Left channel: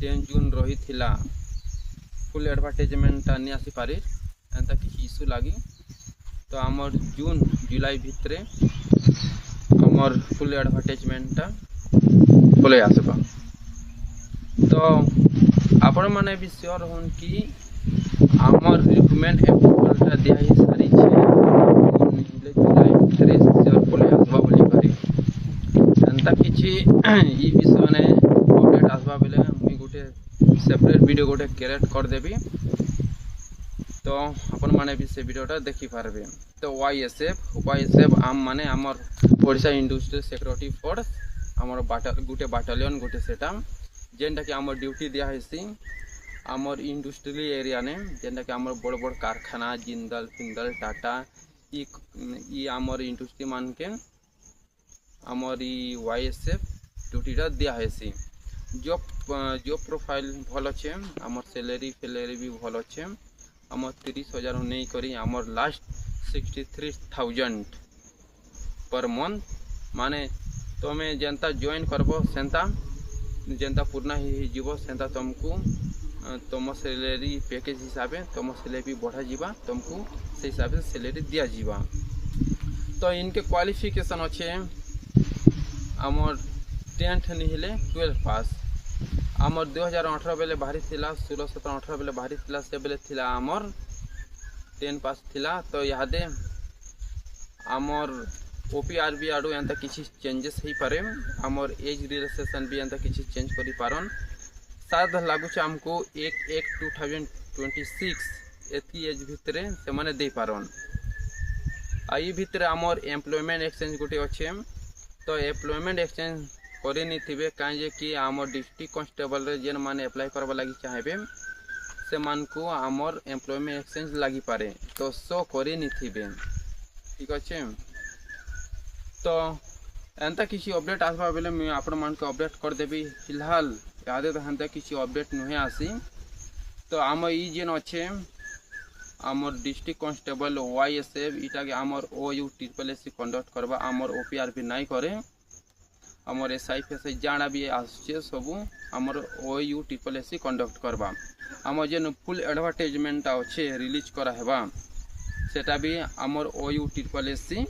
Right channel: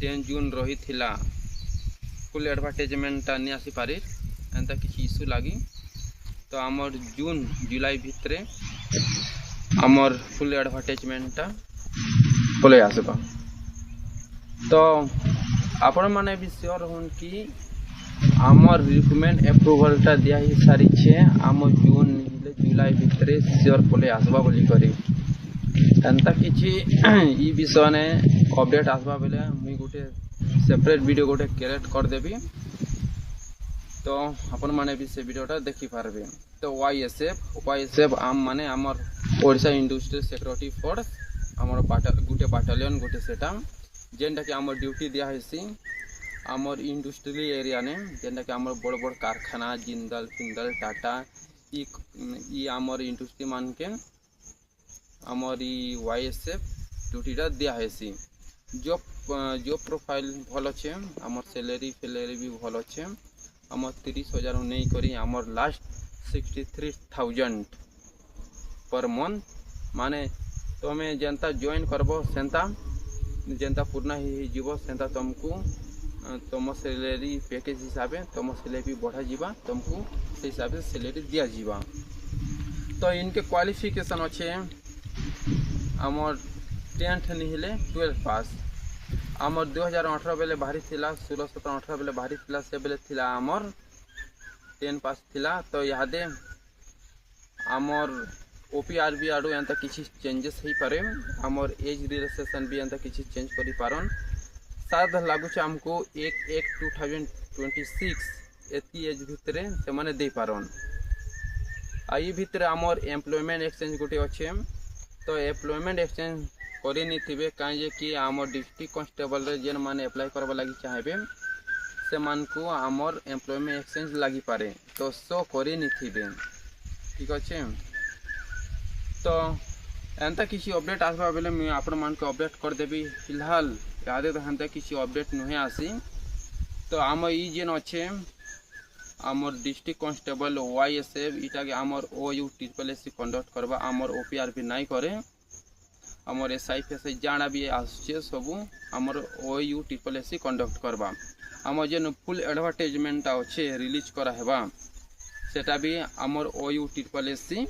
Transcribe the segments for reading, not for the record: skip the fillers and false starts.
10 जून रही थिला फुल एडवर्टाइजमेंटा नहीं आसी पारी एंता किसी इश्यू लगी तो आमर जून जुलाई भितरे आमर फुल एडवर्टाइजमेंटा पलि आसबा। तो आपण माने भी श्योर होन कि आमर रिक्वायरमेंट अप्रूवलटा दिया ही सारी छे आमर जून निले जुलाई भितरे श्योर पलि आसबा बोली करी एंता किछि ई विषय ने अपडेट आसबा बेले मुई गोटे सेपरेट वीडियो गोटे क्रिएट कर देबी तो अपन माने भी से वीडियोटा देखि पारबे। तो वाईएसएफ आम माने आमर ओडिशा इंडस्ट्रियल सिक्योरिटी फोर्स आमर गोटे बाटालियन गोटे सेटा जेनटा कि आमर ड्यूटी दिया हेसी आमर इंडस्ट्रियल एरिया ने जेनटा कि आमर बड़ बड़ कारखाना जिंदल फिंदल टाटा ई आमर इंडस्ट्री मान के आमर ई वाईएसएफ ड्यूटीटा दिया हेसी। जॉब प्रोफाइल भल अच्छे आमर सैलरी भी भल अच्छे आमर 30,000 नहीं करी आमर लास्ट 63,000 पर मंथ माने तुम्हें जेनता जॉइन करबो सेंता जेनता पूर्ण ही जीवो सेंता तुमको तुम सैलरी पैकेज हिसाब से तुम सैलरी बढ़ा जीवा तुमको से हिसाब से सैलरी दिया जीवा। तो इनके क्वालिफिकेशन अच्छे आमर 10th नहीं 12 पास आमर 2018 बेले बाहरी थिला 16-17-18 बेले बाहरी थिला से बेले थिला आमर 10 पास थिला। तो यादे आमर ओपीआरबी आडू एंता किसी चेंजेस ही पारे आमर एज रिलैक्सेशन भी एंता किसी चेंज करी पारन शायद लागुच आमको 1/1/2026 एती एज भितरे से माने दे पारन। आई भितरे आमर एम्प्लॉयमेंट एक्सचेंज गोटे अच्छे तो एम्प्लॉयमेंट एक्सचेंज करे नहीं थे कहीं कि आमर डिस्ट्रिक्ट कांस्टेबल रे जेन माने अप्लाई करबा लगी चाहेबे से मान को आमर एम्प्लॉयमेंट एक्सचेंज लगी पारे तो सो करे नहीं थे ठीक अच्छे। तो एंता किसी अपडेट आसबा बेले मुझे आपण मान को अपडेट कर देबी फिलहाल यादे तो हेंता किसी अपडेट नुहे आसी। तो आम ई जेन अच्छे आमर डिस्ट्रिक्ट कांस्टेबल वाईएसएफ इटा के आमर OU-SSC कंडक्ट करबा आमर ओपीआरबी नाई करे आमर SI जाना भी आसचे सबू आमर OU-SSC कंडक्ट करबा आमर जेन फुल एडवर्टाइजमेंट अच्छे रिलीज करा हेबा सेटा भी आमर OU-SSC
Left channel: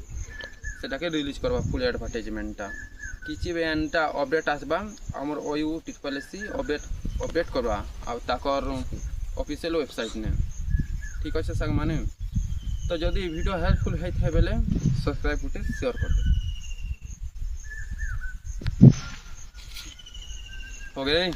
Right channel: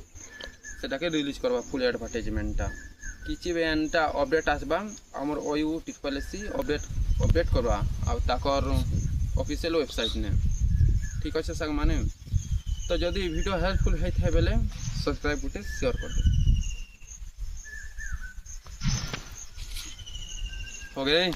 सेटा के रिलीज करबा फुल एडवर्टाइजमेंटा किछि भी एंटा अपडेट आसबा आमर OU-SSC अपडेट करबा आ ताकर ऑफिशियल वेबसाइट ने ठीक अच्छे संग माने। तो जदि वीडियो हेल्पफुल है बेले सब्सक्राइब गुटे शेयर कर दे हो गए।